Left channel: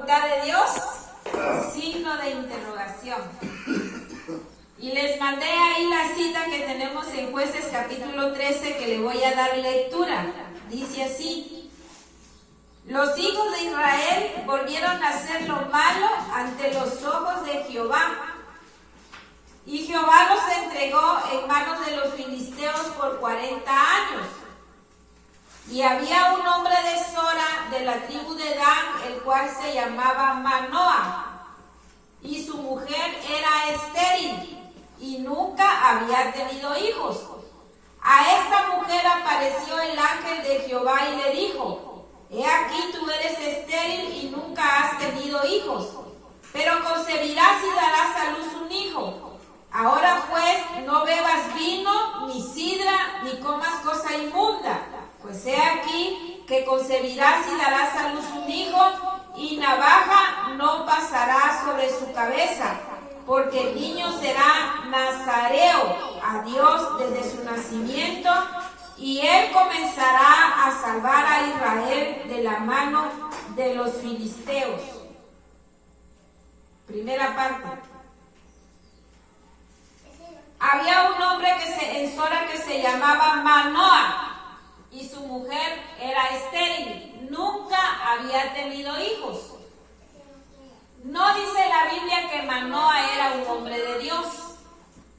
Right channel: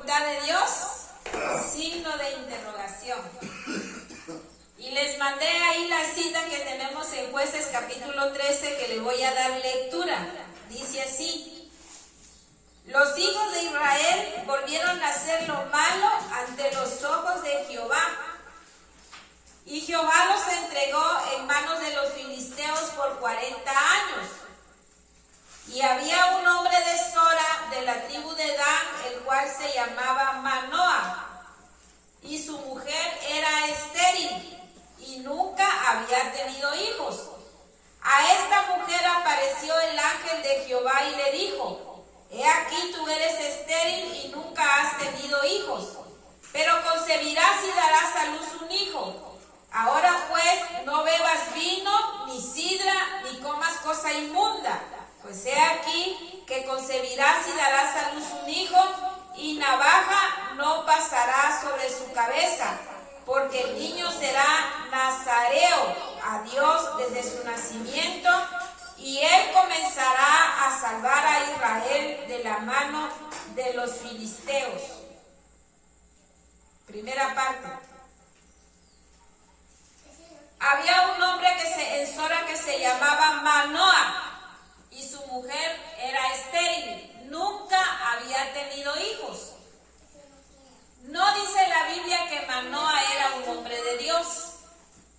voluntad de Dios? Signo de interrogación. Y les mandé ahí la cita que tenemos en Jueces capítulo 13 que le voy a dar lectura. Dice así: los hijos de Israel volvieron a hacer lo malo ante los ojos de Jehová. Y Jehová los entregó en manos de los filisteos por 40 años. Y había un hombre de Sora, de la tribu de Dan, el cual se llamaba Manoah. Y su mujer era estéril y nunca había tenido hijos. A esta mujer apareció el ángel de Jehová y le dijo: he aquí tú eres estéril y nunca has tenido hijos, pero concebirás y darás a luz un hijo. Ahora pues, no bebas vino, ni sidra, ni comas cosa inmunda, pues he aquí que concebirás y darás a luz un hijo, y navaja no pasará sobre su cabeza, porque el niño será nazareo a Dios desde su nacimiento, y él comenzará a salvar a Israel de la mano de los filisteos. Primera parte. Había un hombre en Sora que se llamaba Manoah, y su mujer era estéril, nunca había tenido hijos. No dice la Biblia que Manoah era un hombre de Dios.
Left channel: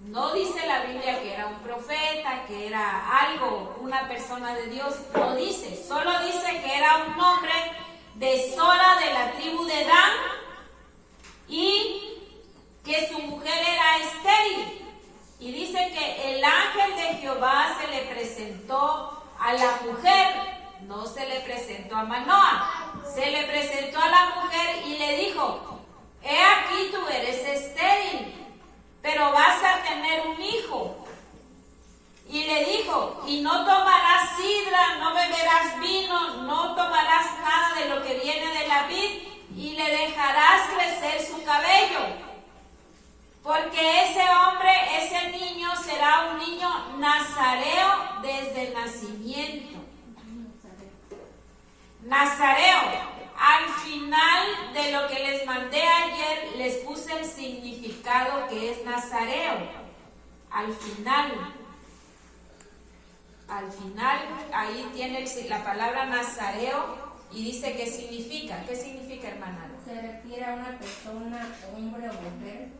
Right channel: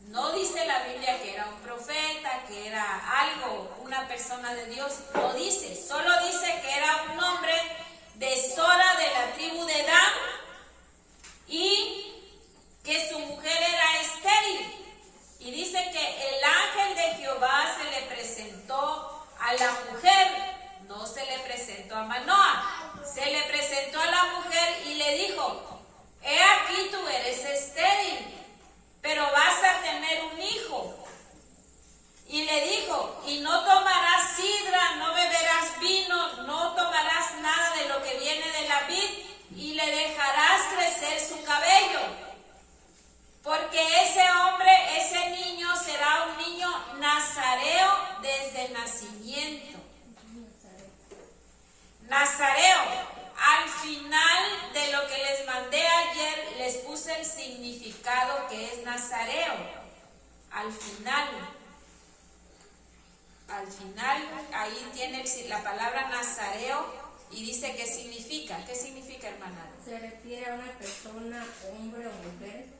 No dice la Biblia que era un profeta, que era algo, una persona de Dios. No dice, solo dice que era un hombre de Sora, de la tribu de Dan, y que su mujer era estéril. Y dice que el ángel de Jehová se le presentó a la mujer, no se le presentó a Manoah, se le presentó a la mujer y le dijo: he aquí tú eres estéril, pero vas a tener un hijo. Y le dijo: y no tomarás sidra, no beberás vino, no tomarás nada de lo que viene de la vid, y le dejarás crecer su cabello. Porque ese hombre, ese niño, será un niño nazareo desde el nacimiento. Nazareo. Al final de lo que les mandé ayer, les puse el significado que es nazareo. Al final, ahí tiene la palabra nazareo y dice qué significa. ¿Qué significa, hermana? Se refiere a una persona, hombre o mujer,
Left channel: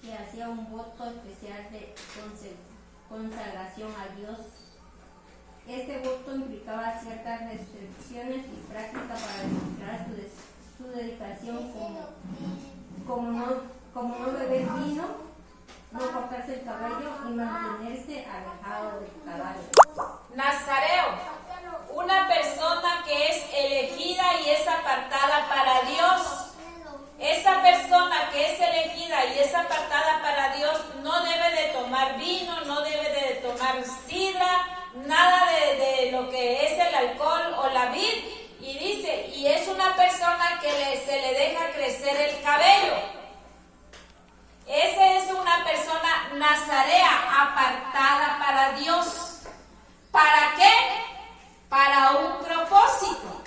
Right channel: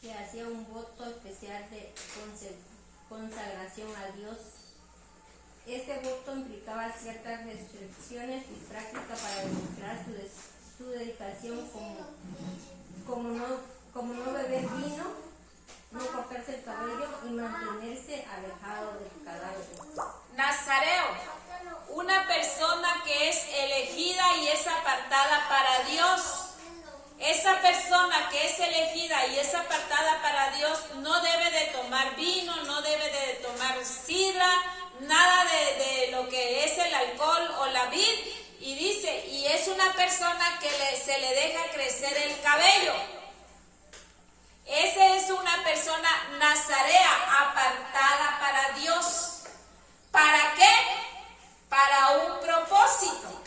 que hacía un voto especial de consagración a Dios. Este voto implicaba ciertas restricciones y prácticas para demostrar su dedicación, como no beber vino, no cortarse el cabello y mantenerse alejado del cadáver. Nazareo, una persona que es elegida y es apartada para Dios. Esa persona que es elegida y es apartada para Dios no debe de tomar vino, no debe de tomar sidra, nada de lo que es el alcohol o la vid. Y dice, y es una persona que se le deja crecer el cabello. Esa es una persona nazarea, apartada para Dios. ¿Para qué? Para un propósito.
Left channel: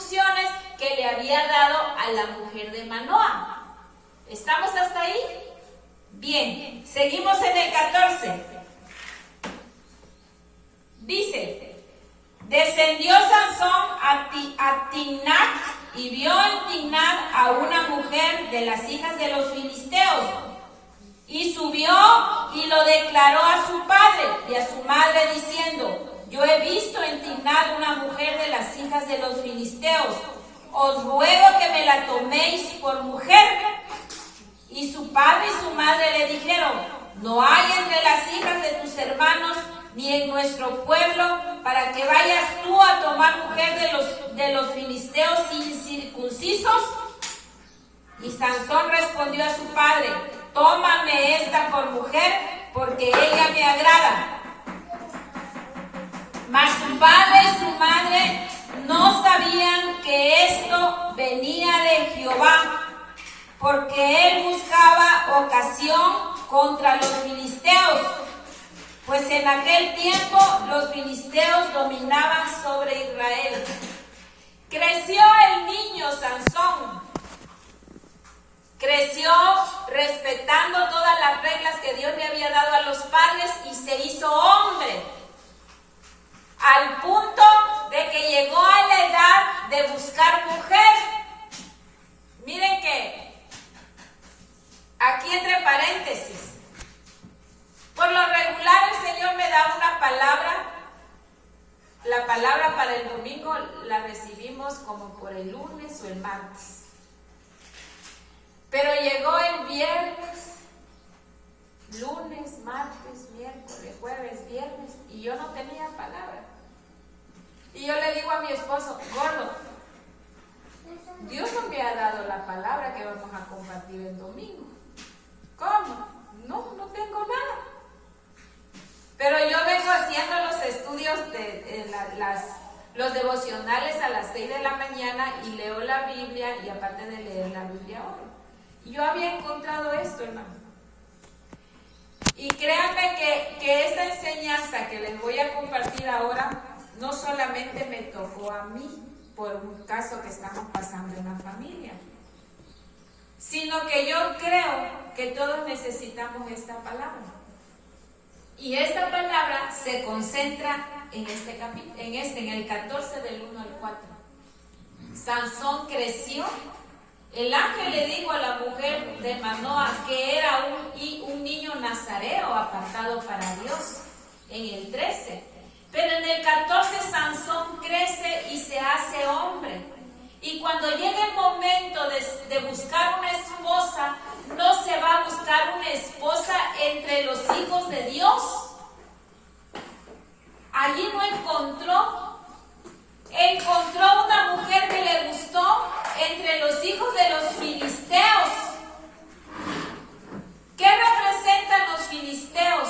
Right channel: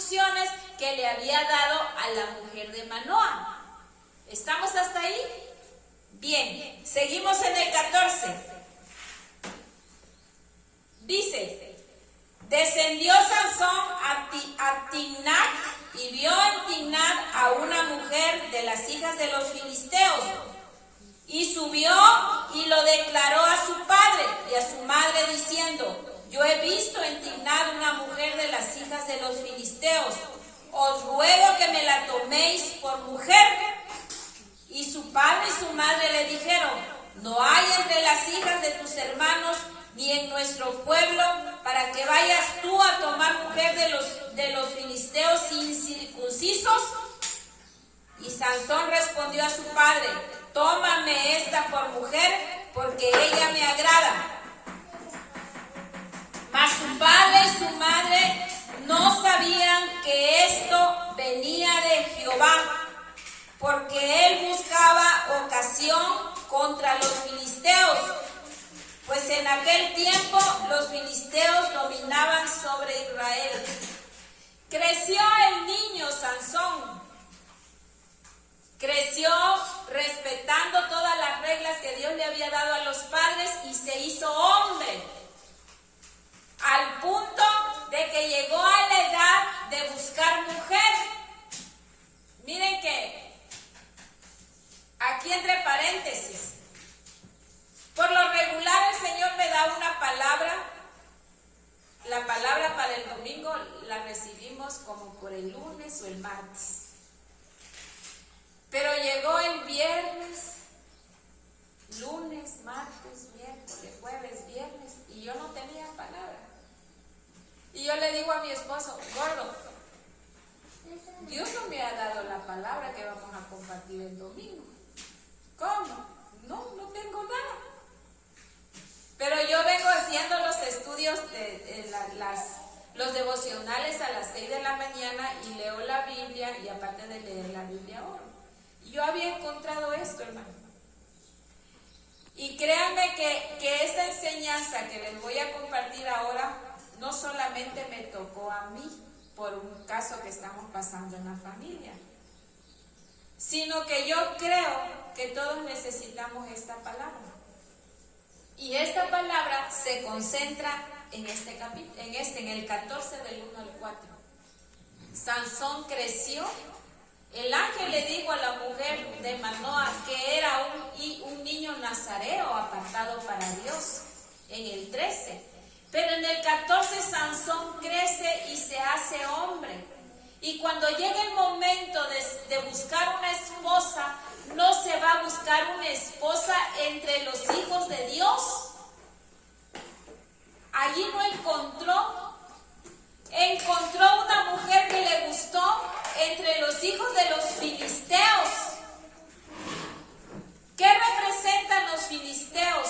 instrucciones que le había dado a la mujer de Manoah. ¿Estamos hasta ahí? Bien, seguimos en el 14. Dice, descendió Sansón a Timnat y vio en Timnat a una mujer de las hijas de los filisteos. Y subió y lo declaró a su padre y a su madre diciendo, yo he visto en Timnat una mujer de las hijas de los filisteos. Os ruego que me la toméis por mujer. Y su padre y su madre le dijeron, no hay entre las hijas de tus hermanos ni en nuestro pueblo para que vayas tú a tomar mujer de los filisteos incircuncisos. Y Sansón respondió a su padre, tómame esta por mujer, porque ella me agrada. Mas su padre y su madre no sabían que esto venía de Jehová, porque él buscaba ocasión contra los filisteos, pues en aquel tiempo los filisteos dominaban sobre Israel. Creció el niño Sansón. Creció respetando todas las reglas que Dios le había dado a los padres y se hizo hombre, al punto de que llegó a la edad de buscar mujer. Miren que aquí entre paréntesis, por lo regular el Señor me da una palabra. La palabra para el domingo la recibimos como por el lunes o el martes. Pero llegó el viernes, lunes, martes, miércoles, jueves, viernes, y yo no tenía palabra. Y yo le digo a mi esposo, gordo, Dios no me ha dado la palabra que vamos a compartir el domingo. ¿Cómo? No tengo nada. Pero yo vengo haciendo los estudios los devocionales a las 6 de la mañana y leo la Biblia, y aparte de leer la Biblia oro. Yo había encontrado esto, hermano. Y créanme que esta enseñanza que les voy a compartir ahora no solamente me tocó a mí por un caso que estamos pasando en la familia, sino que yo creo que todos necesitamos esta palabra. Y esta palabra se concentra en este capítulo, en el 14 del 1 al 4. Sansón creció. El ángel le dijo a la mujer de Manoah que era un niño nazareo apartado para Dios, en el 13. Pero en el 14 Sansón crece y se hace hombre. Y cuando llega el momento de buscar una esposa, no se va a buscar una esposa entre los hijos de Dios. Allí no encontró una mujer que le gustó entre los hijos de los filisteos. ¿Qué representan los filisteos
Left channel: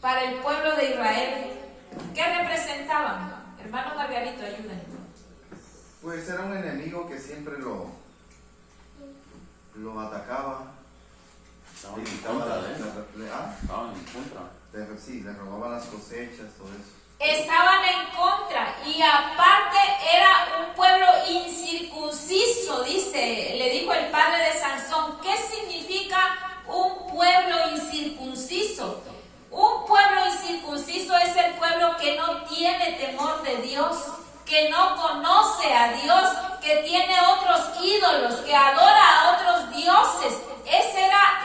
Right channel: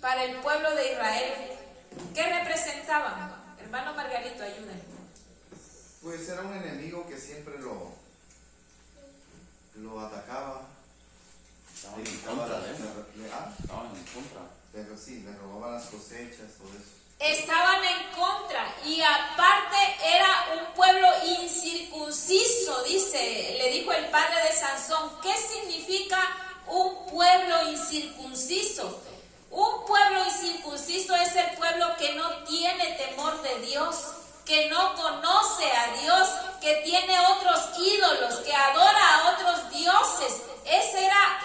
para el pueblo de Israel? ¿Qué representaban? Hermano Margarito, ayúdame. Pues era un enemigo que siempre lo atacaba. Estaban en contra de él. Estaban en contra. Sí, le robaban las cosechas, todo eso. Estaban en contra, y aparte era un pueblo incircunciso, le dijo el padre de Sansón. ¿Qué significa un pueblo incircunciso? Un pueblo incircunciso es el pueblo que no tiene temor de Dios, que no conoce a Dios, que tiene otros ídolos, que adora a otros dioses.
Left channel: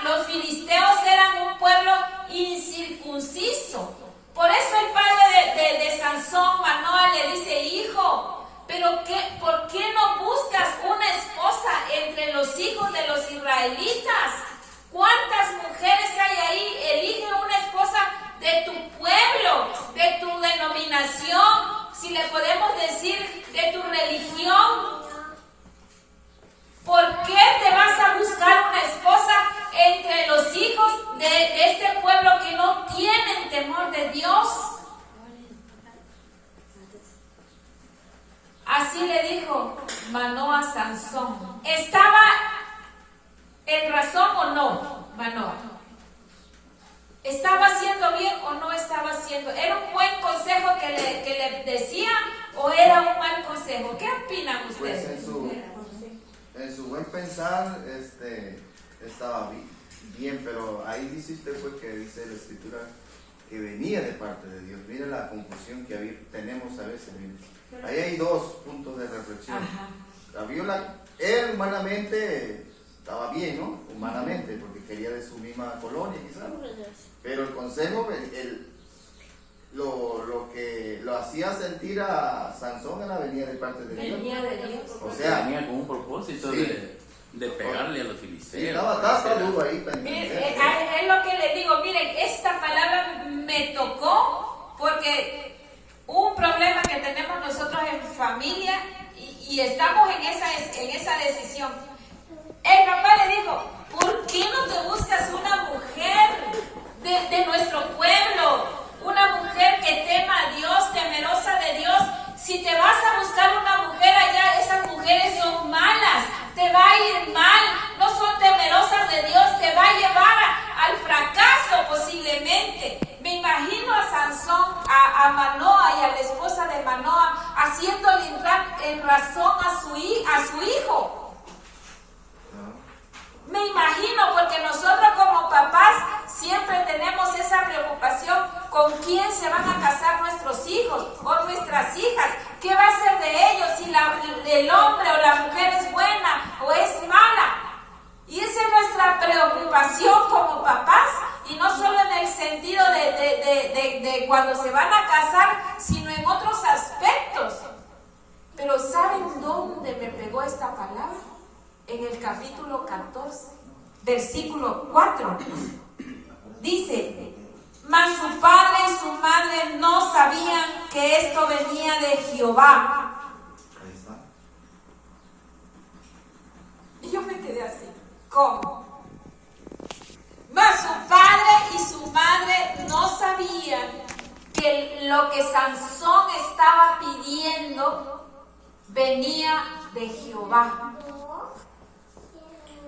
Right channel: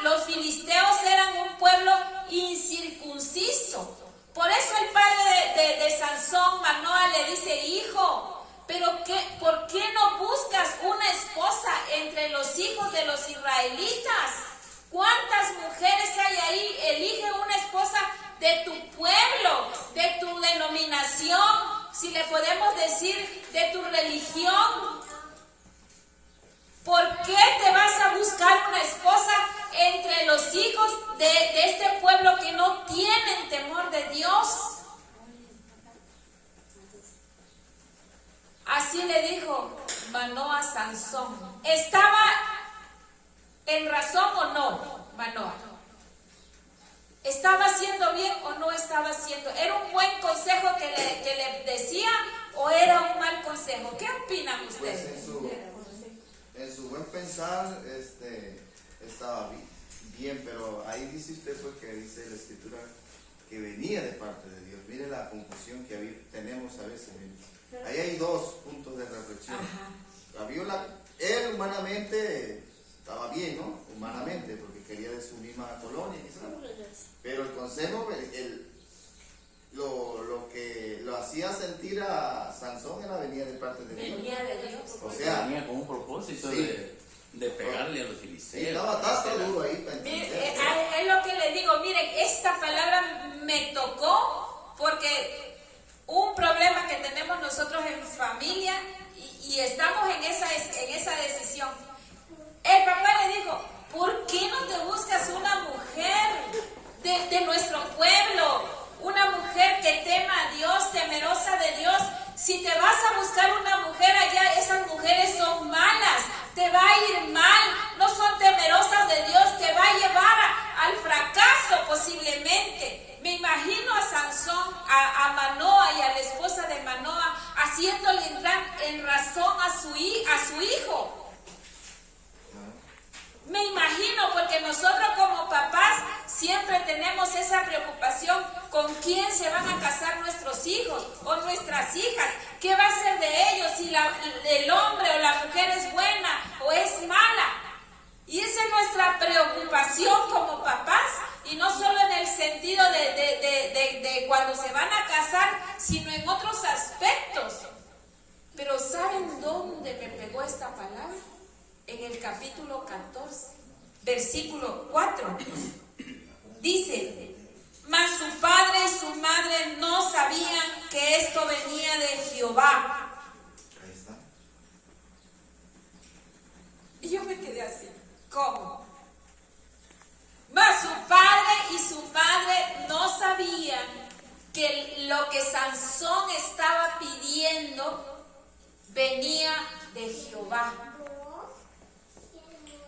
Los filisteos eran un pueblo incircunciso. Por eso el padre de Sansón, Manoah, le dice, hijo, ¿por qué no buscas una esposa entre los hijos de los israelitas? ¿Cuántas mujeres hay ahí? Elige una esposa de tu pueblo, de tu denominación, si le podemos decir, de tu religión. ¿Por qué te vas a buscar una esposa entre los hijos de este pueblo que no tienen temor de Dios? Así le dijo Manoah a Sansón. ¿Estaba en razón o no, Manoah? ¿Estaba haciendo bien o no estaba haciendo? ¿Era un buen consejo que le decía o o era un mal consejo? ¿Qué opinan Pues ustedes? en su buen pensar, estaba bien, pero ahí dice usted pues que dice la escritura que venía de parte de Dios. Mire la confusión que tenemos a veces. Ahí hay dos puntos de reflexión. Él humanamente estaba bien, ¿no? Humanamente, porque quería de su misma colonia, quizás. Pero el consejo, lo que lo hacía sentir a Sansón era venía de parte de Dios. Venía de Dios. O sea, venía con un propósito sí, de pegarle a los sí, filisteos. estaba duro ahí. Mire, es lo que le digo, miren, esta palabra me tocó porque un problema que tenemos nosotros en familia y estamos en esa decisión. El papá le dijo, ¿por qué no te buscas una mujer de nuestro pueblo? Una mujer que tema a Dios, temerosa de Dios. Si te vas a buscar una mujer allá, esas mujeres son malas, te va a ir mal, no son temerosas de Dios, te va a llevar al fracaso posiblemente. Me imagino a Sansón, a Manoa y a la esposa de Manoa haciéndole entrar en razón a su hijo. Me imagino, porque nosotros como papás siempre tenemos esa preocupación con quién se van a casar nuestros hijos o nuestras hijas, qué va a ser de ellos, si el hombre o la mujer es buena o es mala. Y esa es nuestra preocupación como papás, y no solo en el sentido de cuando se van a casar, sino en otros aspectos. Pero ¿saben dónde me pegó esta palabra? En el capítulo 14, versículo 4, dice, mas su padre y su madre no sabían que esto venía de Jehová. Ahí está. Y yo me quedé así, ¿cómo? Mas su padre y su madre no sabían que lo que Sansón estaba pidiendo venía de Jehová.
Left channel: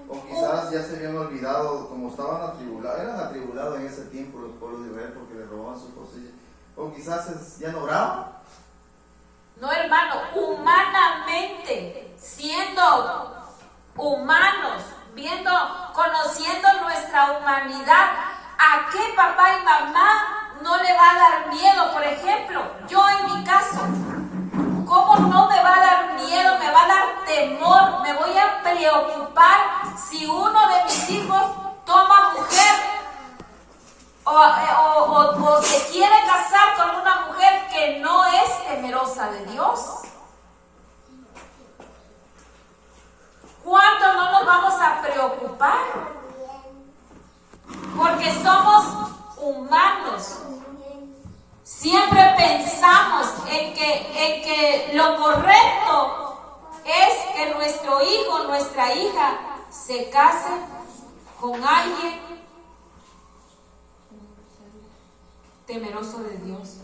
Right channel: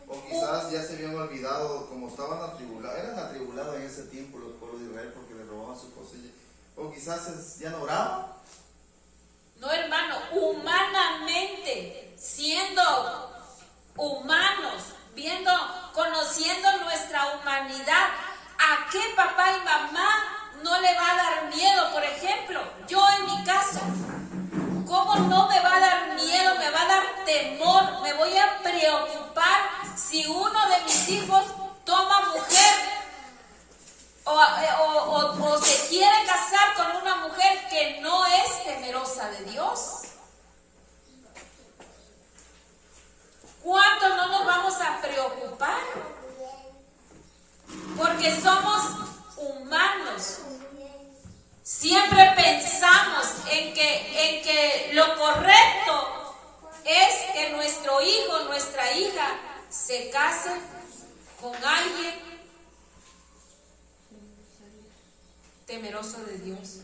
O quizás ya se habían olvidado, como estaban eran atribulados en ese tiempo los pueblos de Israel porque les robaban sus cosillas. O quizás ya no oraban. No, hermano, humanamente, siendo humanos, conociendo nuestra humanidad, ¿a qué papá y mamá no le va a dar miedo? Por ejemplo, yo en mi caso, ¿cómo no me va a dar miedo? Me va a dar temor, me voy a preocupar si uno de mis hijos toma mujer o se quiere casar con una mujer que no es temerosa de Dios. ¿Cuánto no nos vamos a preocupar? Porque somos humanos. Siempre pensamos en que lo correcto es que nuestro hijo, nuestra hija, se case con alguien temeroso de Dios.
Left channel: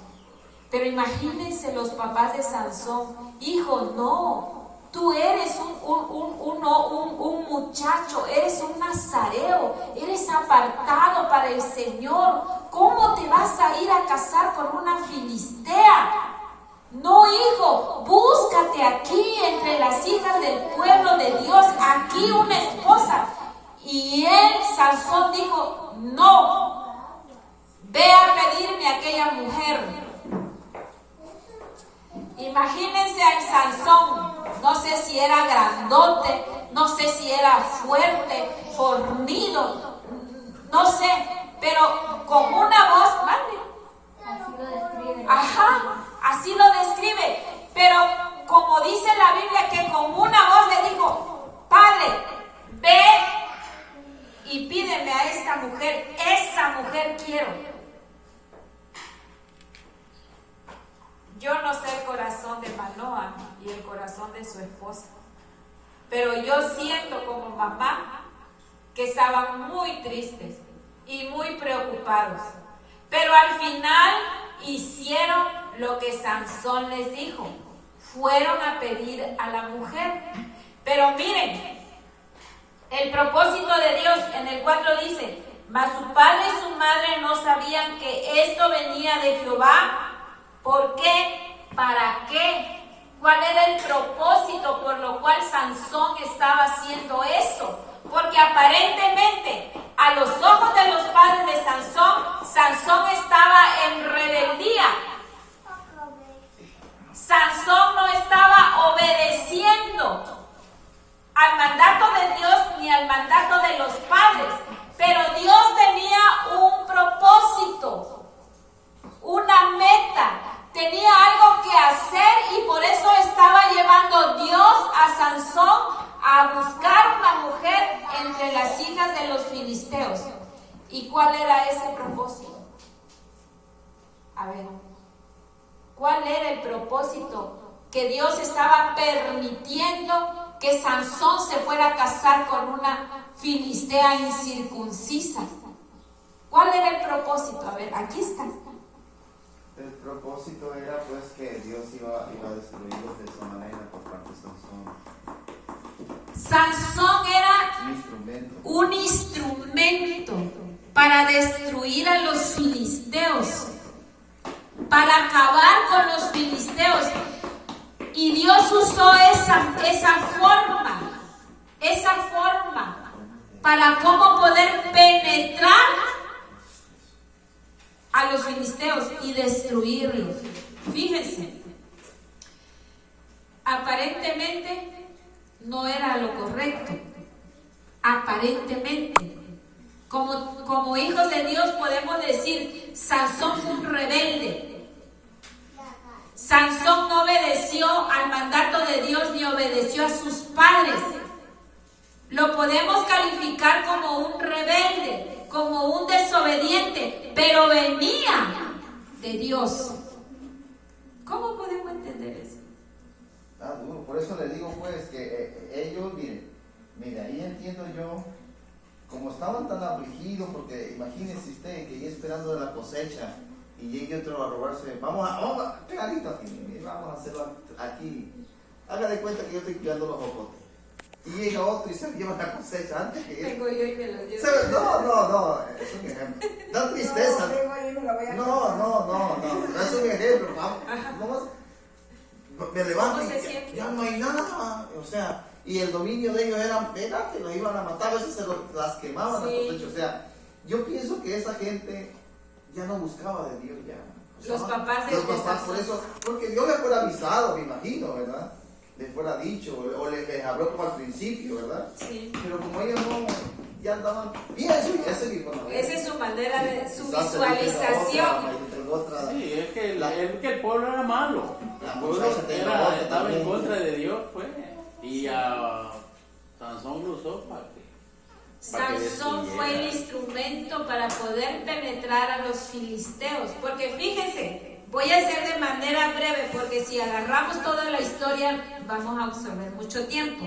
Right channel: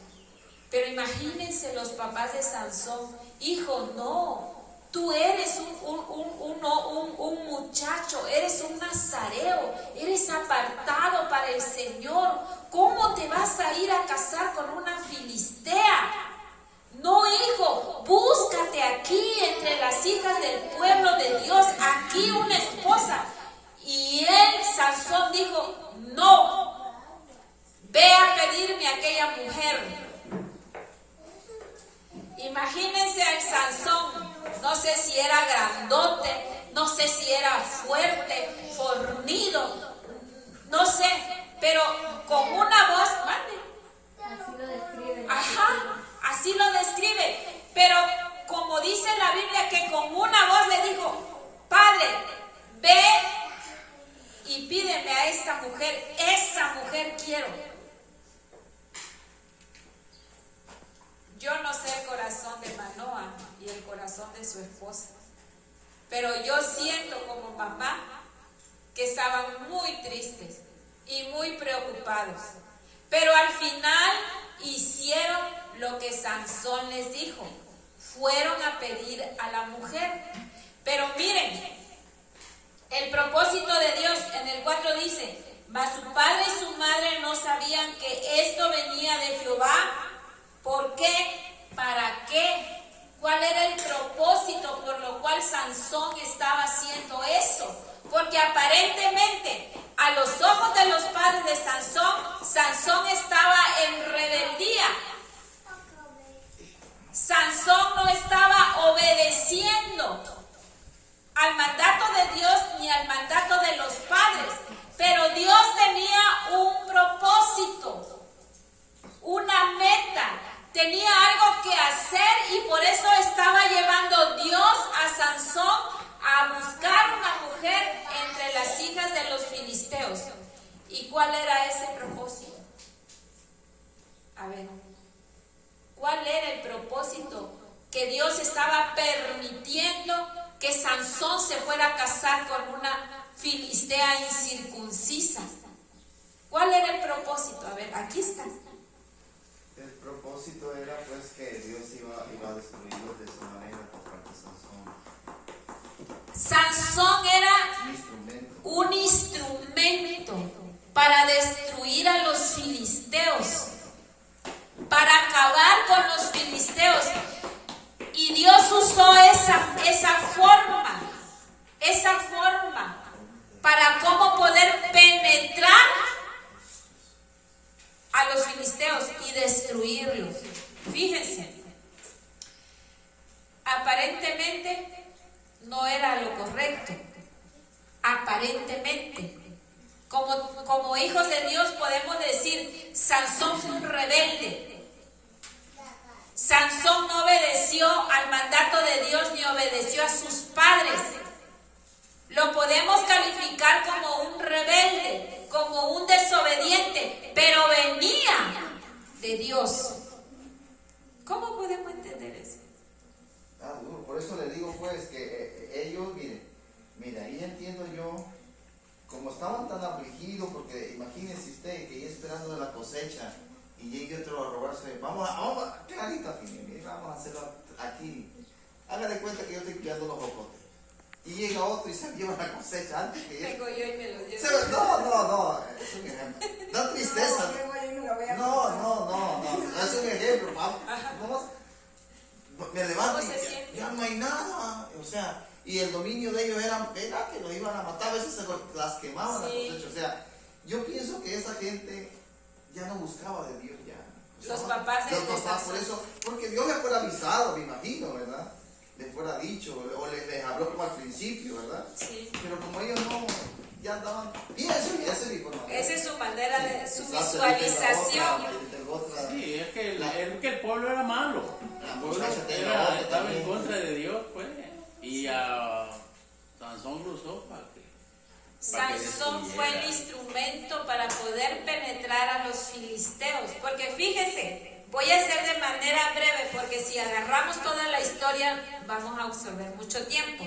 Pero imagínense los papás de Sansón, hijo, no, tú eres un muchacho, eres un nazareo, eres apartado para el Señor. ¿Cómo te vas a ir a casar con una filistea? No, hijo, búscate aquí entre las hijas del pueblo de Dios, aquí una esposa. Y Sansón dijo, no, ve a pedirme a aquella mujer. Imagínense al Sansón, no sé si era grandote, no sé si era fuerte, fornido, no sé, pero con una voz, Así lo describe. ajá, así lo describe, pero como dice la Biblia que con una voz le dijo, Padre, ve y pídeme a esta mujer, esa mujer quiero. Yo no sé el corazón de Manoa y el corazón de su esposa, pero yo siento como mamá que estaban muy tristes y muy preocupados, pero al final hicieron lo que Sansón les dijo, fueron a pedir a la mujer. Pero miren, el propósito de Dios en el 4 dice, mas su padre y su madre no sabían que esto venía de Jehová. ¿Por qué? ¿Para qué? ¿Cuál era el propósito por lo cual Sansón estaba haciendo eso? Porque aparentemente, a los ojos de los padres de Sansón, Sansón estaba en rebeldía. Sansón no estaba obedeciendo al mandato de Dios ni al mandato de los padres, pero Dios tenía un propósito, una meta, tenía algo que hacer y por eso estaba llevando Dios a Sansón a buscar una mujer entre las hijas de los filisteos. ¿Y cuál era ese propósito? A ver, ¿cuál era el propósito? Que Dios estaba permitiendo que Sansón se fuera a casar con una filistea incircuncisa. ¿Cuál era el propósito? A ver, aquí está. El propósito era pues que Dios iba a destruirlos de esa manera por parte de Sansón. Sansón era un instrumento para destruir a los filisteos, para acabar con los filisteos. Y Dios usó esa forma para cómo poder penetrar a los filisteos y destruirlos. Fíjense, aparentemente no era lo correcto. Aparentemente, como hijos de Dios podemos decir, Sansón fue un rebelde. Sansón no obedeció al mandato de Dios ni obedeció a sus padres. Lo podemos calificar como un rebelde, como un desobediente, pero venía de Dios. ¿Cómo podemos entender eso? Duro. Por eso le digo pues que ellos, mire, ahí entiendo yo, como estaban tan afligidos, porque imagínese usted que ya esperando de la cosecha y llegue otro a robarse, vamos a clarita, vamos a hacerlo aquí. Haga de cuenta que yo estoy criando los jocotes. Y llega otro y se lleva la cosecha antes que Vengo yo y me lo llevo. No, es un ejemplo. Da tristeza. No, es un ejemplo. Vamos, me levanto y ya no hay nada. O sea, y el dominio de ellos era que los iban a matar, a veces las quemaban las cosechas. O sea, yo pienso que esa gente ya no buscaba de Dios ya. O sea, los papás de por eso, porque Dios les fuera avisado, me imagino, ¿verdad? Les fuera dicho, o les habló como al principio, ¿verdad? Sí. Pero como ellos no, ya andaban, y esa es su manera de su visualización. Sí, es que el pueblo era malo. El pueblo estaba en contra de Dios, pues. Y a Sansón lo usó para que Sansón fue el instrumento para poder penetrar a los filisteos. Porque fíjense, voy a hacer de manera breve, porque si agarramos toda la historia vamos a absorber mucho tiempo.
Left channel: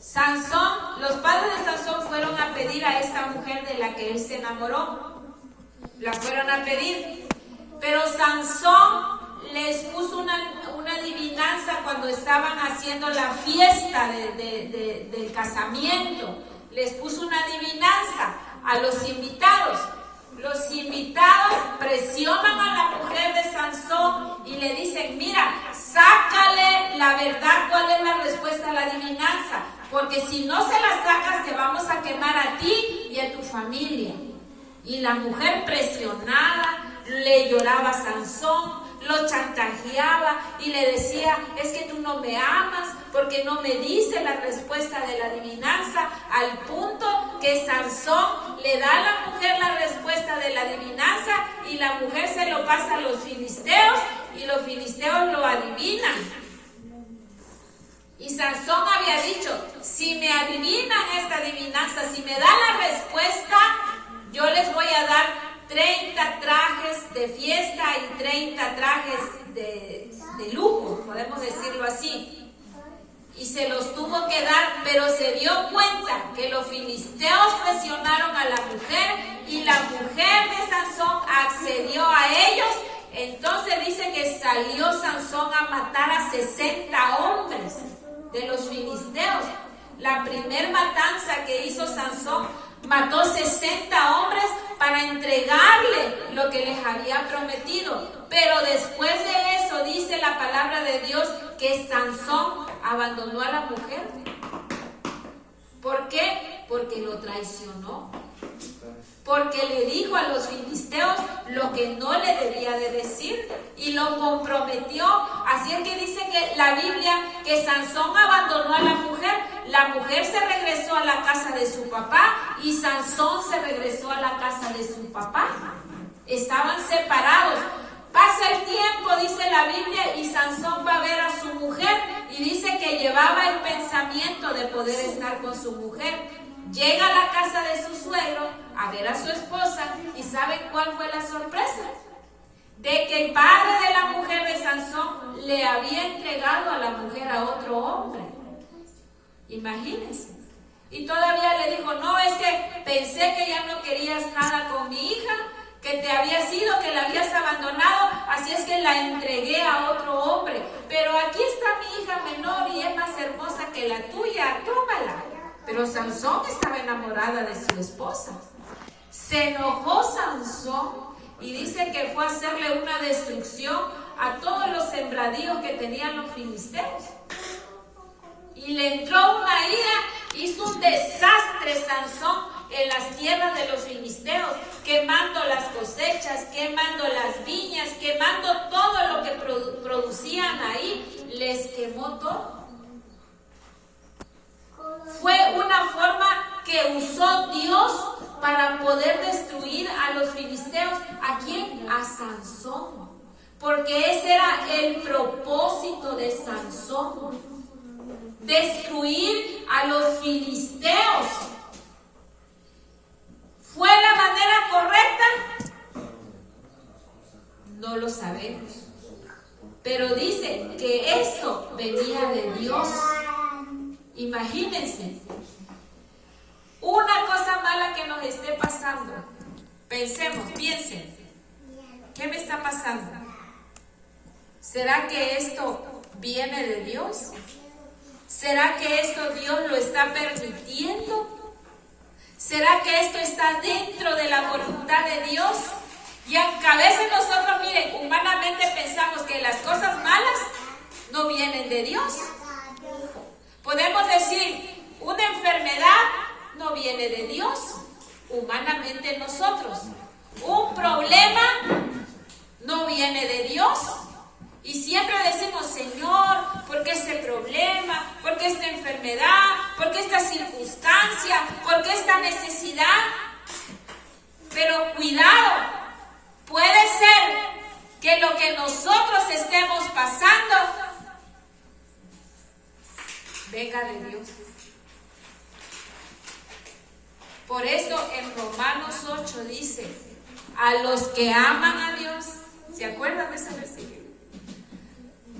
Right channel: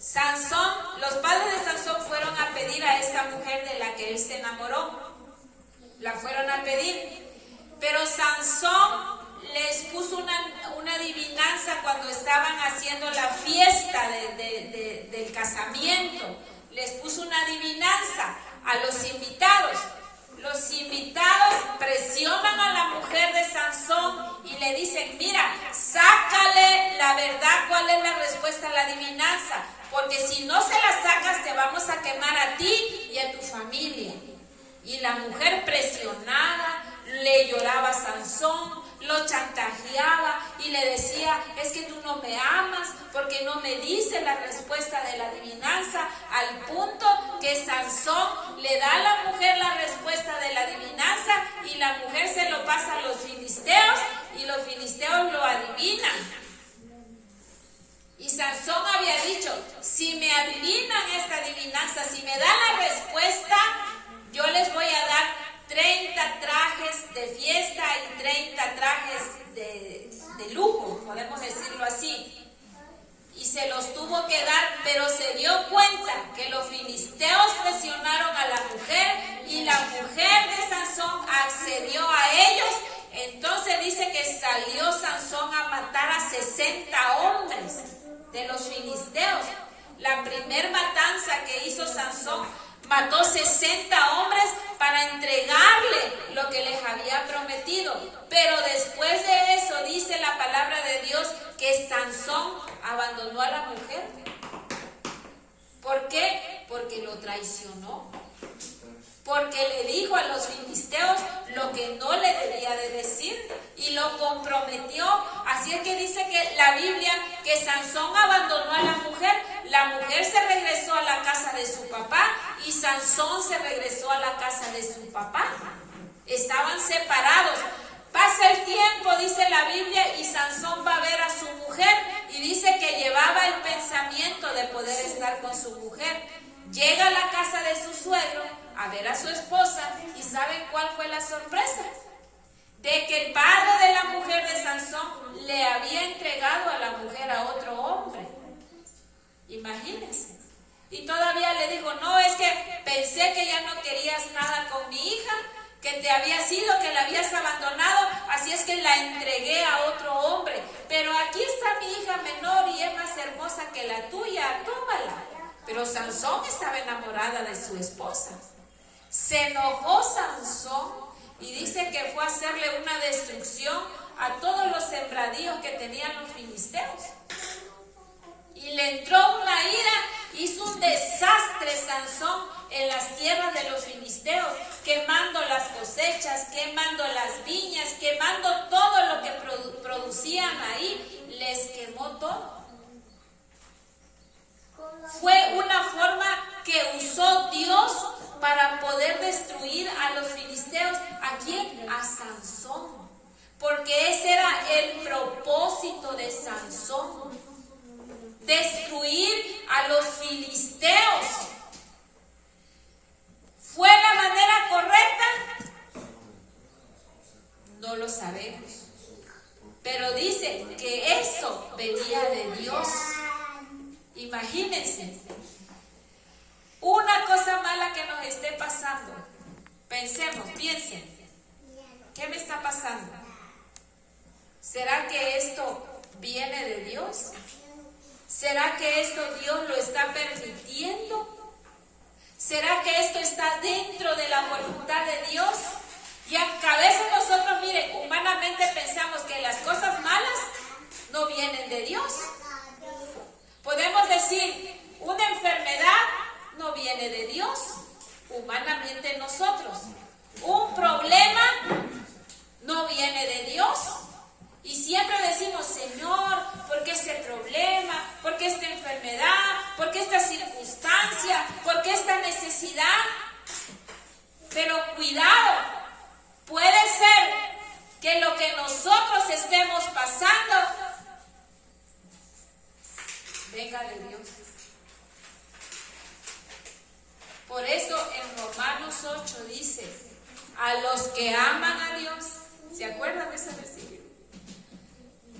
Sansón, los padres de Sansón fueron a pedir a esta mujer de la que él se enamoró. La fueron a pedir. Pero Sansón les puso una adivinanza cuando estaban haciendo la fiesta del casamiento. Les puso una adivinanza a los invitados. Los invitados presionan a la mujer de Sansón y le dicen, mira, sácale la verdad, cuál es la respuesta a la adivinanza, porque si no se la sacas te vamos a quemar a ti y a tu familia. Y la mujer presionada le lloraba a Sansón, lo chantajeaba y le decía, es que tú no me amas porque no me dices la respuesta de la adivinanza, al punto que Sansón le da a la mujer la respuesta de la adivinanza y la mujer se lo pasa a los filisteos y los filisteos lo adivinan. Y Sansón había dicho, si me adivinan esta adivinanza, si me dan la respuesta, yo les voy a dar 30 trajes de fiesta y 30 trajes de lujo, podemos decirlo así. Y se los tuvo que dar, pero se dio cuenta que los filisteos presionaron a la mujer y la mujer de Sansón accedió a ellos. Entonces dice que salió Sansón a matar a 60 hombres de los filisteos. La primer matanza que hizo Sansón Mató 60 hombres para entregarle lo que les había prometido. Pero después de eso dice la palabra de Dios que Sansón abandonó a la mujer. ¿Por qué? Porque lo traicionó. Porque le dijo a los filisteos lo que no le debía de decir y lo comprometió. Así es que dice que la Biblia que Sansón abandonó a la mujer se regresó a la casa de su papá y Sansón se regresó a la casa de su papá. Estaban separados. Pasa el tiempo, dice la Biblia, y Sansón va a ver a su mujer y dice que llevaba el pensamiento de poder estar con su mujer. Llega a la casa de su suegro a ver a su esposa y ¿saben cuál fue la sorpresa? De que el padre de la mujer de Sansón le había entregado a la mujer a otro hombre. Imagínense. Y todavía le dijo, no, es que pensé que ya no querías nada con mi hija, que te habías ido, que la habías abandonado, así es que la entregué a otro hombre. Pero aquí está mi hija menor y es más hermosa que la tuya, tómala. Pero Sansón estaba enamorada de su esposa. Se enojó Sansón y dice que fue a hacerle una destrucción a todos los sembradíos que tenían los filisteos. Y le entró una ira, hizo un desastre Sansón en las tierras de los filisteos, quemando las cosechas, quemando las viñas, quemando todo lo que producían ahí, les quemó todo. Fue una forma que usó Dios para poder destruir a los filisteos. ¿A quién? A Sansón. Porque ese era el propósito de Sansón. Destruir a los filisteos. ¿Fue la manera correcta? No lo sabemos. Pero dice que eso venía de Dios. Imagínense, una cosa mala que nos esté pasando. Pensemos, piensen, ¿qué me está pasando? ¿Será que esto viene de Dios? ¿Será que esto Dios lo está permitiendo? ¿Será que esto está dentro de la voluntad de Dios? Y aunque a veces nosotros, miren, humanamente pensamos que las cosas malas no vienen de Dios. Podemos decir, una enfermedad no viene de Dios, humanamente nosotros. Un problema no viene de Dios. Y siempre decimos, Señor, ¿por qué este problema? ¿Por qué esta enfermedad? ¿Por qué esta circunstancia? ¿Por qué esta necesidad? Pero cuidado, puede ser que lo que nosotros estemos pasando venga de Dios. Por eso en Romanos 8 dice, a los que aman a Dios, ¿se acuerdan de ese versículo?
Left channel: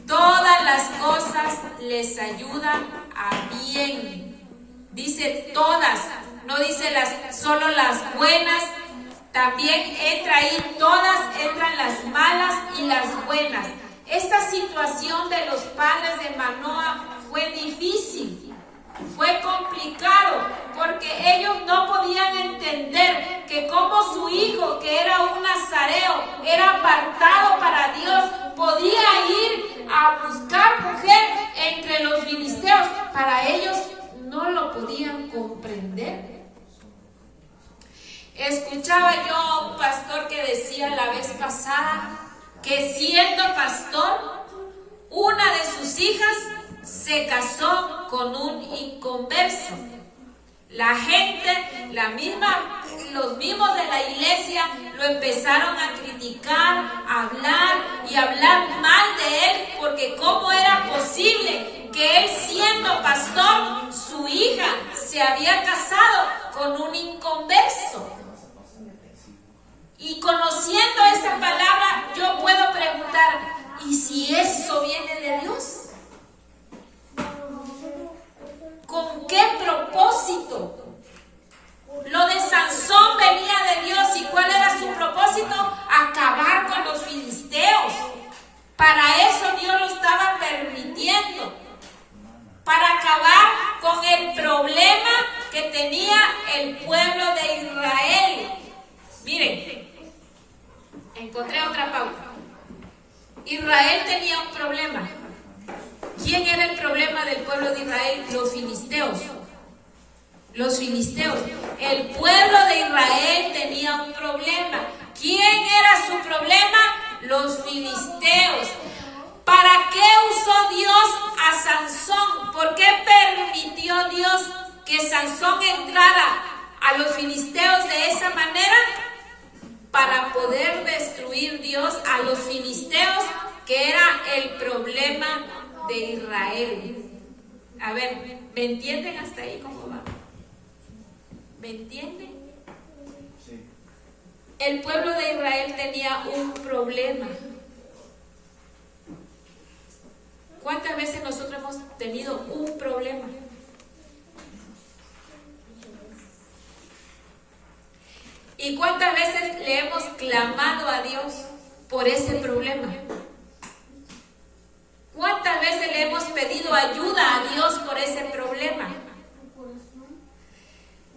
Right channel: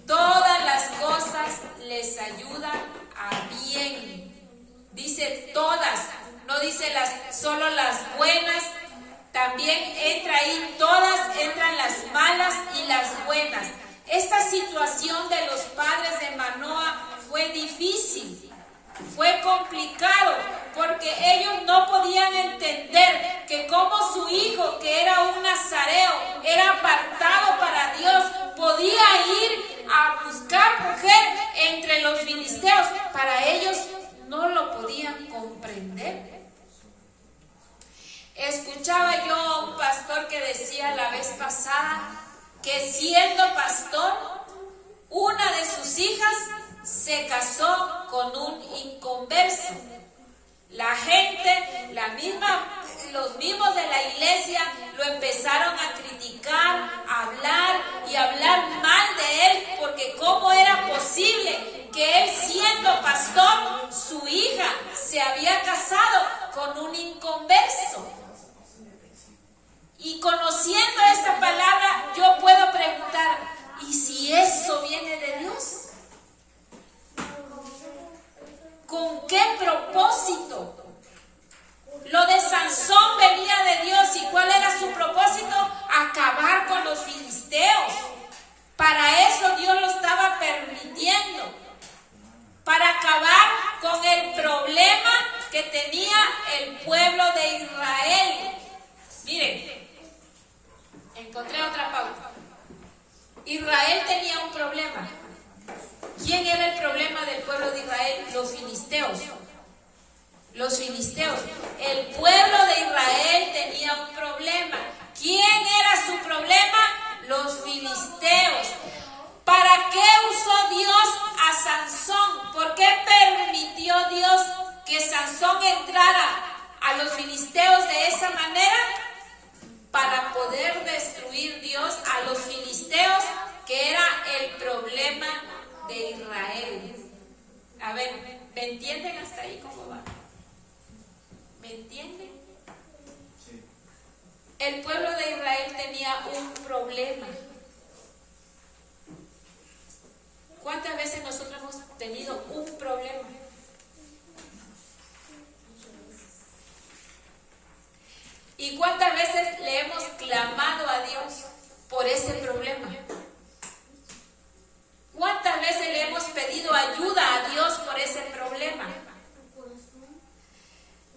Todas las cosas les ayudan a bien. Dice todas, no dice solo las buenas, también entra ahí, todas entran las malas y las buenas. Esta situación de los padres de Manoah fue difícil, fue complicado, porque ellos no podían entender que como su hijo, que era un nazareo, era apartado para Dios, podía ir a buscar mujer entre los filisteos. Para ellos no lo podían comprender. Escuchaba yo a un pastor que decía la vez pasada que siendo pastor, una de sus hijas se casó con un inconverso. La gente, los mismos de la iglesia lo empezaron a criticar, a hablar mal de él, porque cómo era posible que él siendo pastor, su hija se había casado con un inconverso. Y conociendo esta palabra, yo puedo preguntar, ¿y si eso viene de Dios? ¿Con qué propósito? Lo de Sansón venía de Dios. ¿Y cuál era su propósito? Acabar con los filisteos. Para eso Dios lo estaba permitiendo. Para acabar con el problema que tenía el pueblo de Israel. Miren, encontré otra pauta. Israel tenía un problema. ¿Quién era el problema del pueblo de Israel? Los filisteos. Los filisteos. El pueblo de Israel tenía un problema. ¿Quién era su problema? Los filisteos. ¿Para qué usó Dios a Sansón? ¿Por qué permitió Dios que Sansón entrara a los filisteos de esa manera? Para poder destruir Dios a los filisteos, que era el problema de Israel. A ver, ¿me entienden hasta ahí cómo va? ¿Me entienden? Sí. El pueblo de Israel tenía un problema. ¿Cuántas veces nosotros hemos tenido un problema? ¿Y cuántas veces le hemos clamado a Dios por ese problema? ¿Cuántas veces le hemos pedido ayuda a Dios por ese problema?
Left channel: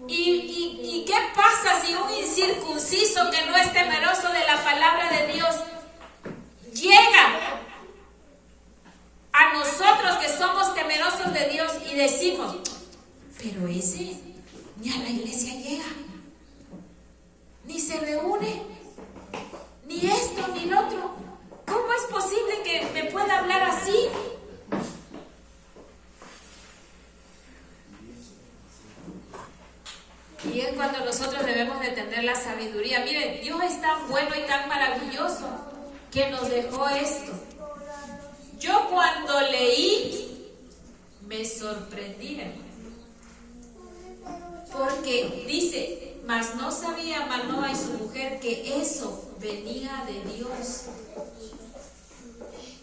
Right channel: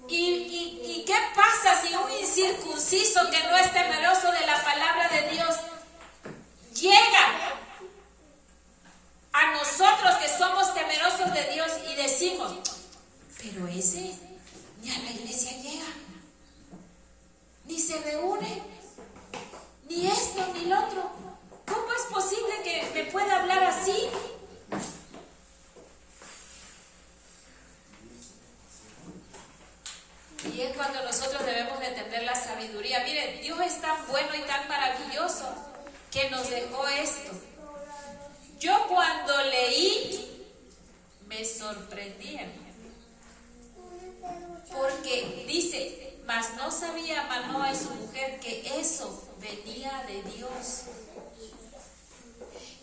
¿Y qué pasa si un incircunciso que no es temeroso de la palabra de Dios llega a nosotros que somos temerosos de Dios y decimos, pero ese ni a la iglesia llega, ni se reúne, ni esto ni lo otro? ¿Cómo es posible que me pueda hablar así? Y es cuando nosotros debemos de tener la sabiduría. Miren, Dios es tan bueno y tan maravilloso que nos dejó esto. Yo cuando leí me sorprendí, porque dice, mas no sabía Manoa y su mujer que eso venía de Dios.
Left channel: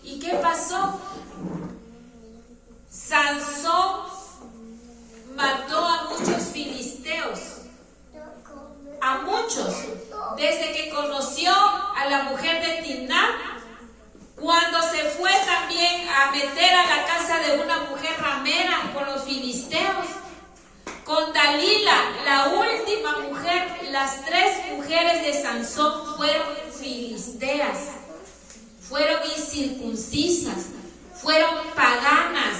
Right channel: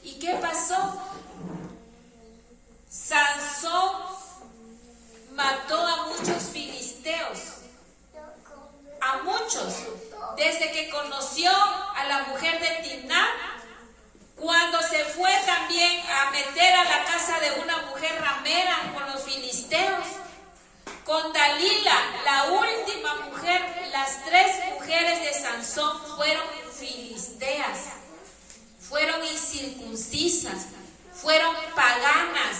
¿Y qué pasó? Sansón mató a muchos filisteos, a muchos, desde que conoció a la mujer de Timná, cuando se fue también a meter a la casa de una mujer ramera con los filisteos, con Dalila, la última mujer. Las 3 mujeres de Sansón fueron filisteas, fueron incircuncisas, fueron paganas.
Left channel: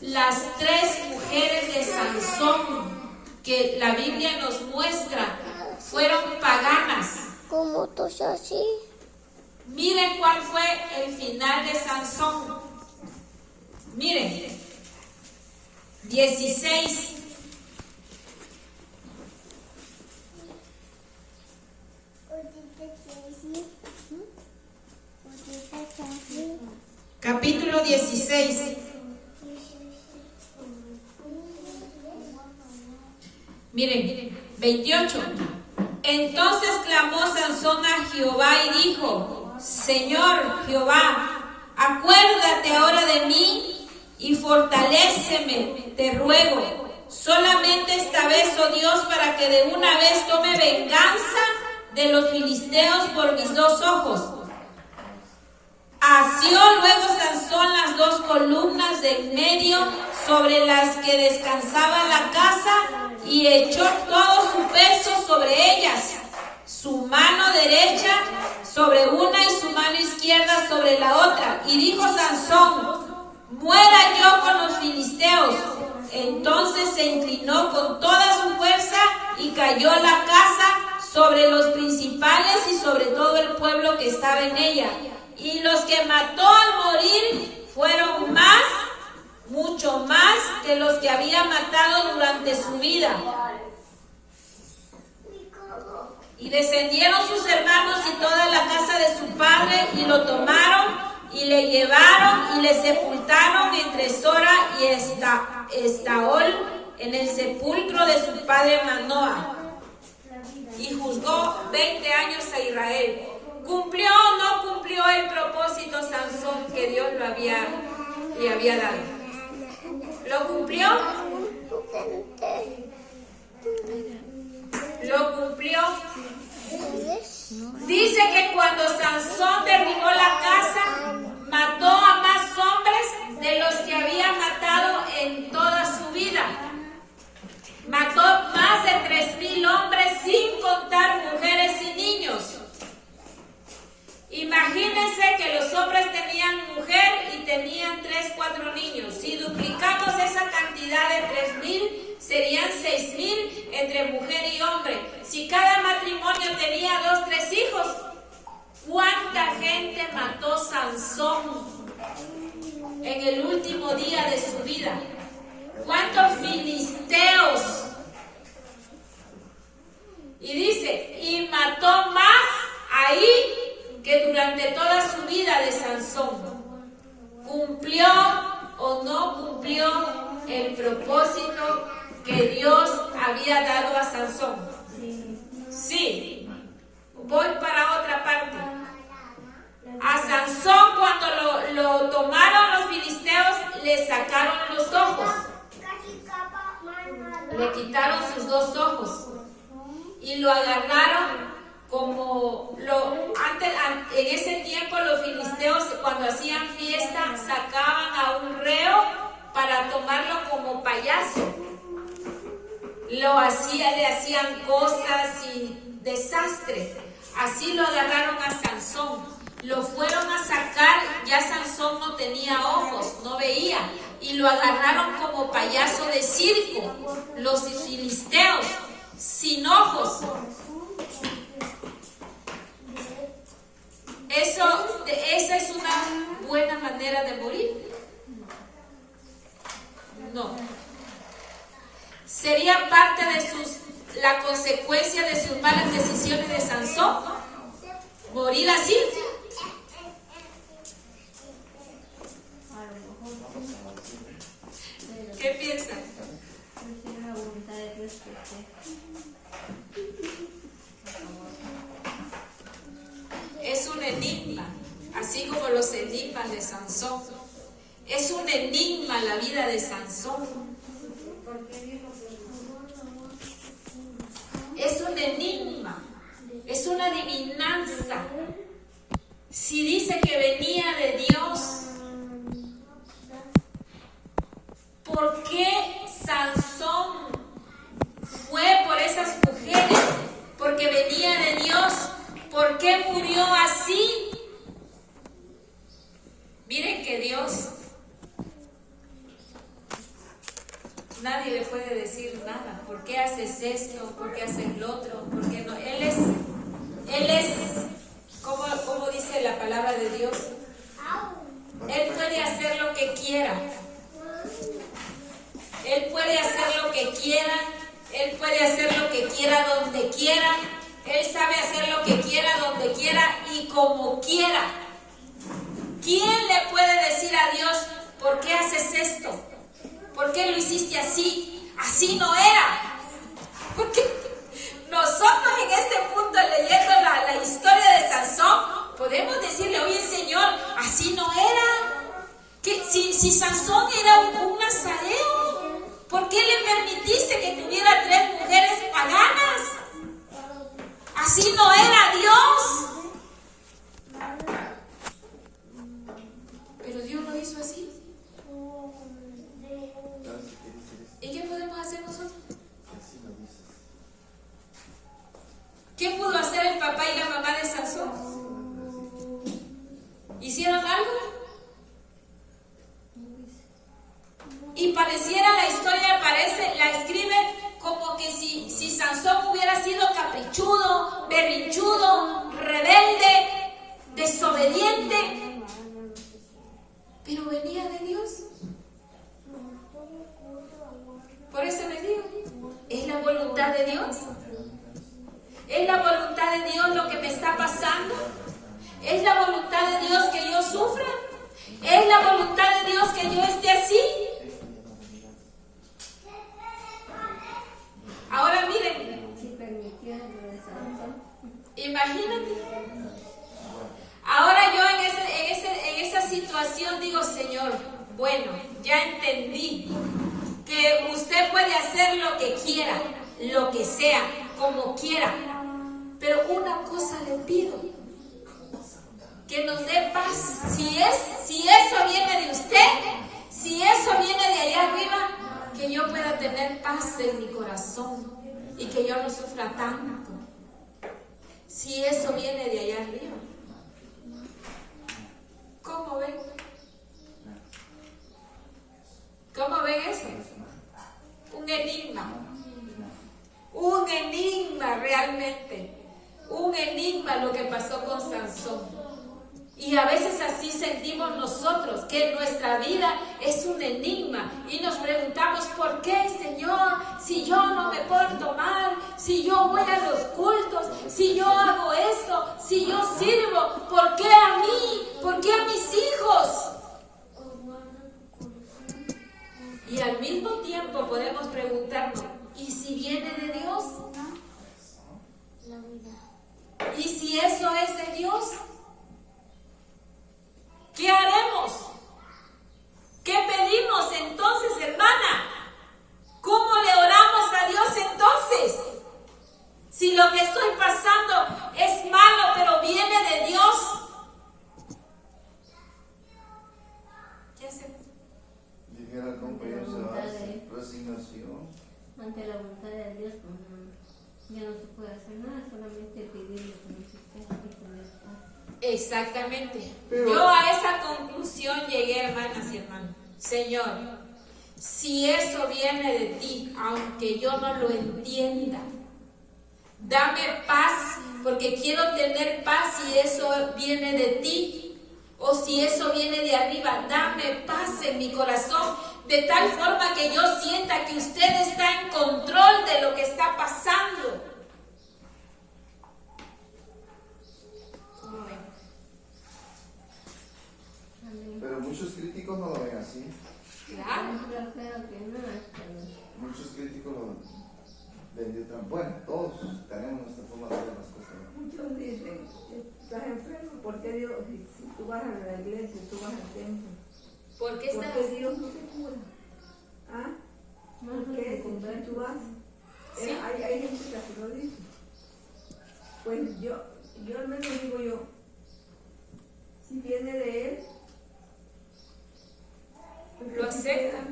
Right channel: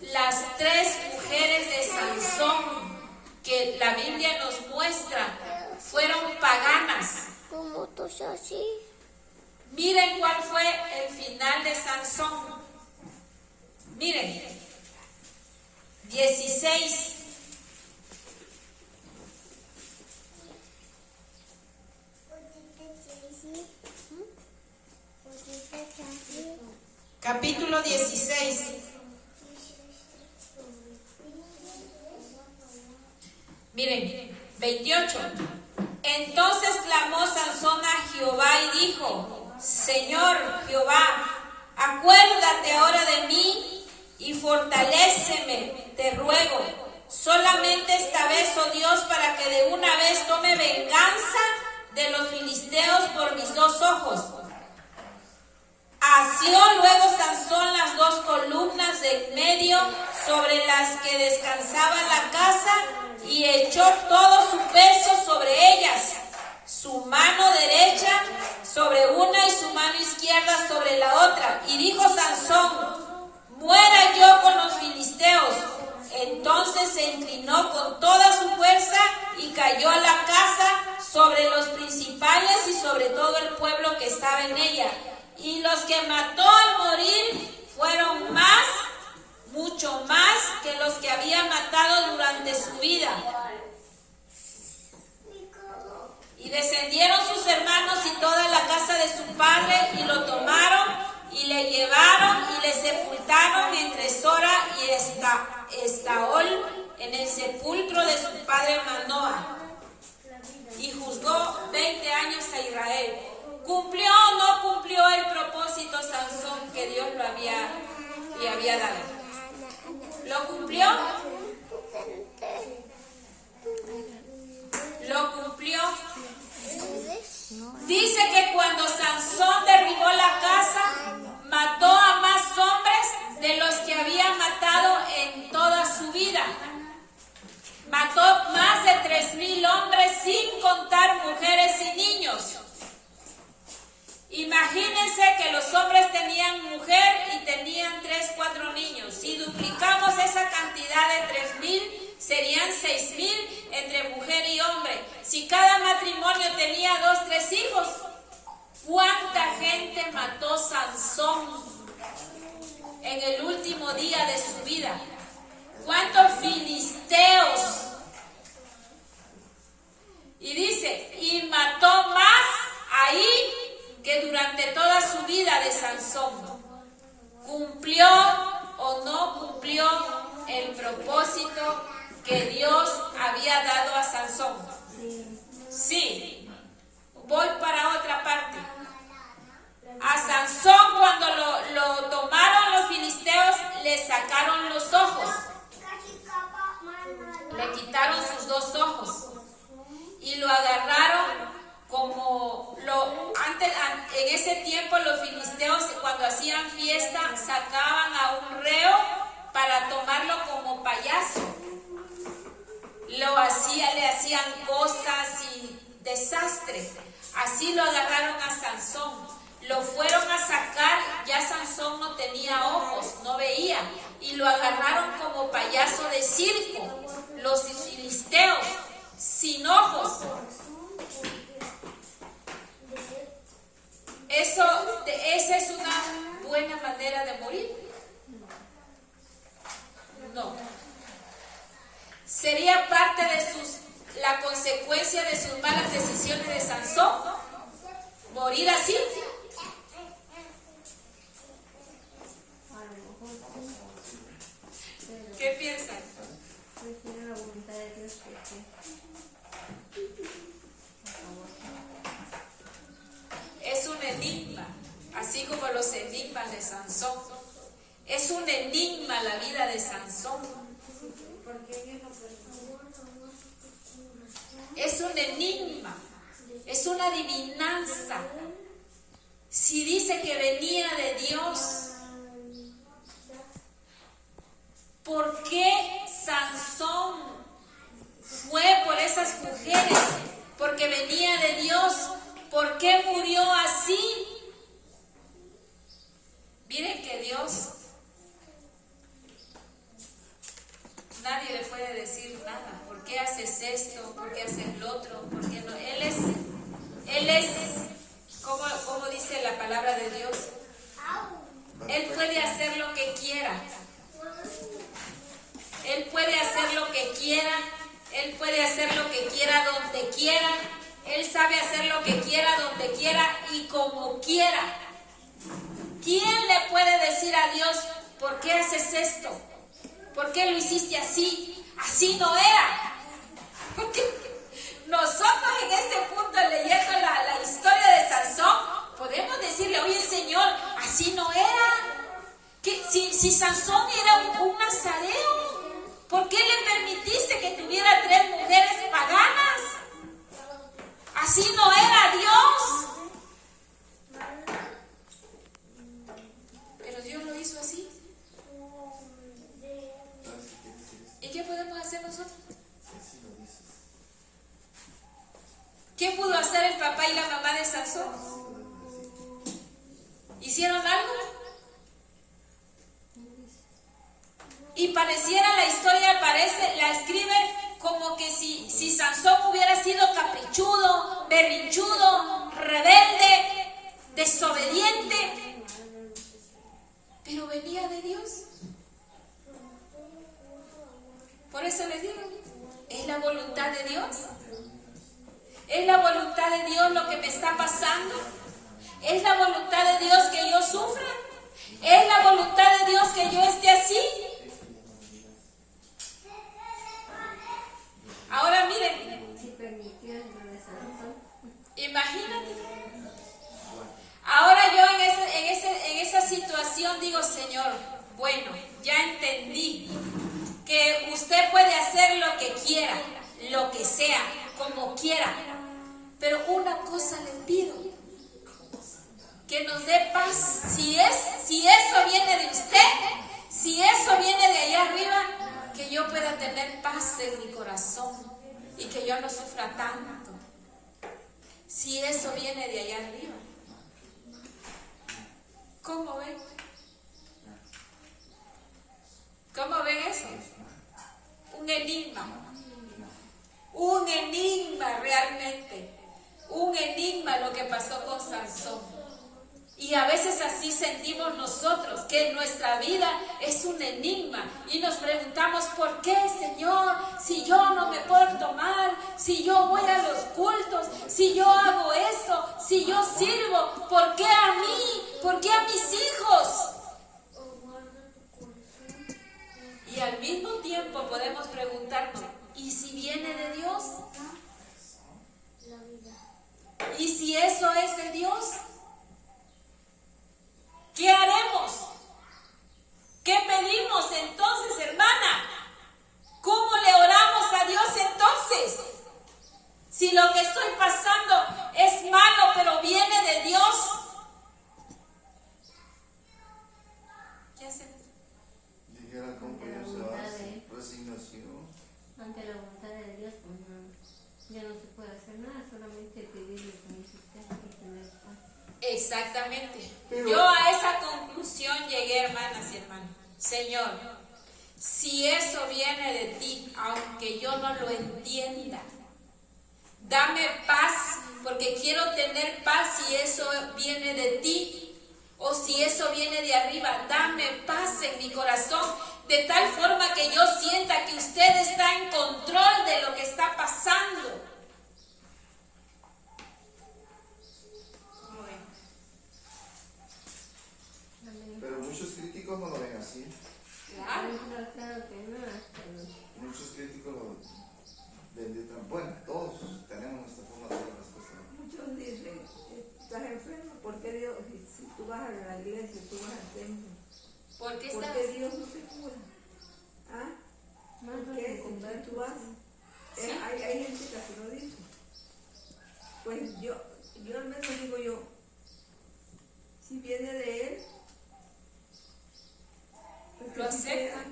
Las 3 mujeres de Sansón que la Biblia nos muestra fueron paganas. ¿Cómo tú estás así? Miren cuál fue el final de Sansón. Miren, 16. Capítulo 16. Miren, 28. Entonces clamó Sansón a Jehová y dijo, Señor Jehová, acuérdate ahora de mí y fortaléceme, te ruego, solamente esta vez, oh Dios, para que de una vez tome venganza de los filisteos por mis 2 ojos. Asió luego Sansón las 2 columnas del medio sobre las que descansaba la casa y echó todo su peso sobre ellas, su mano derecha sobre una y su mano izquierda sobre la otra. Y dijo Sansón, muera yo con los filisteos. Entonces se inclinó con toda su fuerza y cayó la casa sobre los principales y sobre todo el pueblo que estaba en ella. Y los que mató al morir fueron más, mucho más que los que había matado durante su vida. Y descendieron sus hermanos y toda la casa de su padre y lo tomaron y le llevaron y le sepultaron entre Sora y Estaol en el sepulcro de su padre Manoa. Y juzgó 20 años a Israel. ¿Cumplió o no cumplió el propósito Sansón que Dios le había dado? ¿Lo cumplió? ¿Lo cumplió? Dice que cuando Sansón derribó la casa, mató a más hombres de los que había matado en toda su vida. Mató 4 niños. Si duplicamos esa cantidad de 3,000, serían 6,000 entre mujer y hombre. Si cada matrimonio tenía 2, 3 hijos, ¿cuánta gente mató Sansón en el último día de su vida? ¿Cuántos filisteos? Y dice, y mató más ahí que durante toda su vida de Sansón. ¿Cumplió o no cumplió el propósito que Dios había dado a Sansón? Sí. Voy para otra parte. A Sansón, cuando lo tomaron los filisteos, le sacaron los ojos. Le quitaron sus 2 ojos y lo agarraron como en ese tiempo los filisteos, cuando hacían fiesta, sacaban a un reo para tomarlo como payaso. Le hacían cosas y desastres. Así lo agarraron a Sansón. Lo fueron a sacar, ya Sansón no tenía ojos, no veía, y lo agarraron como payaso de circo, los filisteos, sin ojos. Esa es una buena manera de morir. No. ¿Sería parte de la consecuencia de sus malas decisiones de Sansón? ¿Morir así? ¿Qué piensan? Prefiero la voluntad de Dios Es un enigma, así como los enigmas de Sansón. Es un enigma la vida de Sansón. Es un enigma, es una adivinanza. Si dice que venía de Dios, ¿por qué Sansón fue por esas mujeres? Porque venía de Dios. ¿Por qué murió así? Miren que Dios, nadie le puede decir nada. ¿Por qué haces esto? ¿Por qué haces lo otro? ¿Por qué no? Él es, como dice la palabra de Dios, Él puede hacer lo que quiera. Él puede hacer lo que quiera. Él puede hacer lo que quiera donde quiera. Él sabe hacer lo que quiera, donde quiera y como quiera. ¿Quién le puede decir a Dios, ¿por qué haces esto? ¿Por qué lo hiciste así? Así no era. Porque nosotros en este punto, leyendo la historia de Sansón, podemos decirle, oye Señor, así no era. Que si Sansón era un nazareo, ¿por qué le permitiste que tuviera 3 mujeres paganas? Así no era Dios. Pero Dios lo hizo así. ¿Y qué podemos hacer nosotros? ¿Qué pudo hacer el papá y la mamá de Sansón? ¿Hicieron algo? Y pareciera, la historia la escribe como que si Sansón hubiera sido caprichudo, berrinchudo, rebelde, desobediente, pero venía de Dios. Por eso les digo, es la voluntad de Dios. Es la voluntad de Dios lo que me está pasando. Es la voluntad de Dios que yo sufra. Es la voluntad de Dios que yo esté así. Ahora miren, imagínate. Ahora yo en esa situación digo, Señor, bueno, ya entendí que usted puede hacer lo que quiera, lo que sea, como quiera. Pero una cosa le pido, que nos dé paz. Si eso viene de usted, si eso viene de allá arriba, que yo pueda tener paz en mi corazón y que yo no sufra tanto. Si eso viene de allá arriba. ¿Cómo ven? enigma. Un enigma realmente. Un enigma lo que pasó con Sansón. Y a veces así sentimos nosotros, que nuestra vida es un enigma. Y nos preguntamos, ¿por qué, Señor? Si yo no me porto mal, si yo voy a los cultos, si yo hago esto, si yo sirvo, ¿por qué a mí? ¿Por qué a mis hijos? Y al mismo tiempo podemos preguntarnos, ¿y si viene de Dios? ¿Y si eso es de Dios? ¿Qué haremos? ¿Qué pedimos entonces, hermana? ¿Cómo le oramos a Dios entonces? Si lo que estoy pasando es malo, pero viene de Dios. ¿Qué hacemos? Dijera el compañero Sebastián, resignación. Ante la voluntad de Dios, pues no, ya no se puede hacer nada, solamente pedirle como dice usted y tener paz. Exactamente. Yo a esa conclusión llegué, hermanas y hermanos. Señor, si eso viene de ti, aunque yo no lo entienda, dame paz, porque quiero tener paz si eso viene de ti, o si eso viene de arriba. Dame paz en mi corazón, de tal forma que yo sienta que usted está en control de lo que está pasando. Pero muchos críticos no lo ven así. Claro. Yo creo que no, hasta los- Muchos críticos lo ven de otra. Bueno, todos tenemos nuestra forma de ver las cosas, ¿no? Muchos dicen, estás enfermo, ¿por qué Dios, si tú vas a la iglesia, tú vas al templo, ¿Por qué ¿por estás qué así? Dios no te cura? ¿Ah? más ¿Por no qué? se Si convierte. tú vas, Sí. hay gente que así lo dice. Pues yo al menos digo yo, si viene de Él, pues que Lo sí acepto. pueda.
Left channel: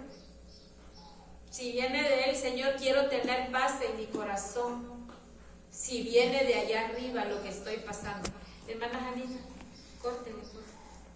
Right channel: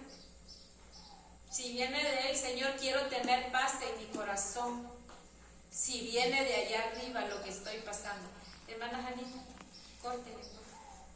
Si viene de él, Señor, quiero tener paz en mi corazón. Si viene de allá arriba lo que estoy pasando. Hermana Janita, córtele, por favor.